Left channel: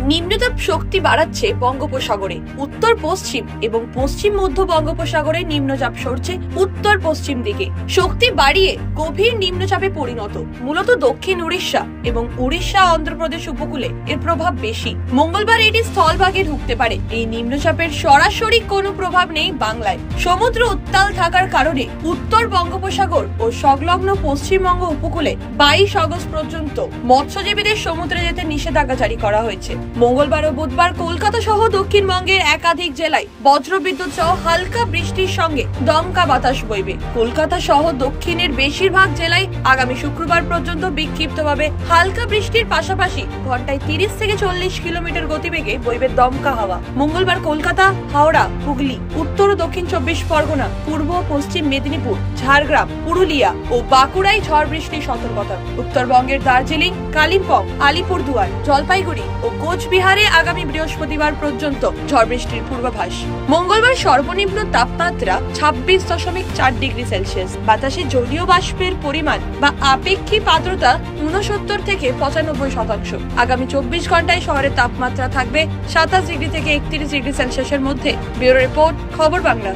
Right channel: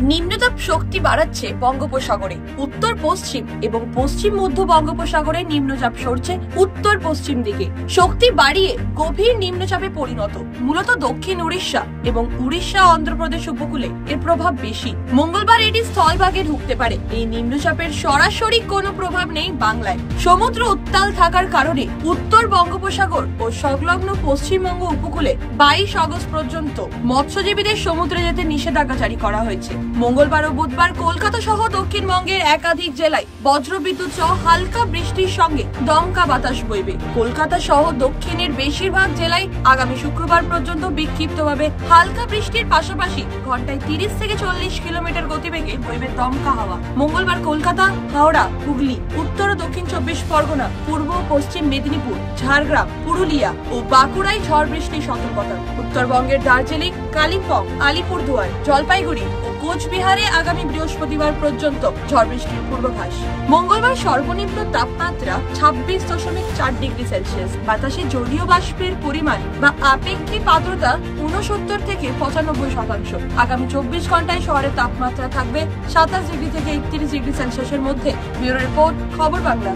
নিম্নচাপ শক্তি বাড়াচ্ছে বঙ্গোপসাগরে। উত্তর পশ্চিম এবং পশ্চিম মধ্য বঙ্গোপসাগরে নিম্নচাপ সরছে উত্তর পশ্চিম দিকে, শক্তি বাড়িয়ে গভীর নিম্নচাপে পরিণত। মূলত দক্ষিণ উড়িষ্যা এবং উড়িষ্যা অন্ধ্রপ্রদেশ উপকূলে এর প্রভাব বেশি। মঙ্গলবার এটি স্থলভাগে ঢুকতে পারে। এই নিম্নচাপের সরাসরি কোনো প্রভাব নেই বাংলায়। সমুদ্র উত্তাল থাকার কারণে উত্তর বঙ্গোপসাগর ও সংলগ্ন পশ্চিমবঙ্গ উপকূলে 22 আগস্ট পর্যন্ত মৎস্যজীবীদের সমুদ্রে যেতে নিষেধাজ্ঞা জারি করা হয়েছে। মঙ্গলবার ও বুধবার কলকাতা সহ দক্ষিণবঙ্গের একাধিক জেলায় বজ্রবিদ্যুৎ সহ হালকা বৃষ্টির সঙ্গে দমকা বাতাস বইবে। কলকাতা সহ দক্ষিণের বেশিরভাগ জেলায় আগামী শুক্রবার পর্যন্ত বিক্ষিপ্তভাবে হালকা বৃষ্টির পাশাপাশি ঘন্টায় 30 থেকে 40 কিলোমিটার গতিবেগে বইবে দমকা হাওয়া। মঙ্গলবার কলকাতা, হাওড়া, হুগলি, উত্তর ও দক্ষিণ 24 পরগনা, পূর্ব ও পশ্চিম মেদিনীপুর, ঝাড়গ্রাম, পুরুলিয়া ও বাঁকুড়ায় ঝড় বৃষ্টির সতর্কতা। উত্তরবঙ্গের দার্জিলিং, কালিম্পং, আলিপুরদুয়ার, জলপাইগুড়ি ও কোচবিহারে আগামী বৃহস্পতিবার পর্যন্ত ঝড় বৃষ্টির পূর্বাভাস। মঙ্গলবার সর্বনিম্ন তাপমাত্রা 26.4 ডিগ্রি সেলসিয়াস। বাতাসে জলীয় বাষ্পের পরিমাণ বা আপেক্ষিক আর্দ্রতা 69 থেকে 95%। আগামী 24 ঘন্টায় শহরের তাপমাত্রা থাকবে 27 ডিগ্রি থেকে 31 ডিগ্রি সেলসিয়াসের মধ্যে। ব্যুরো রিপোর্ট, খবর বাংলা।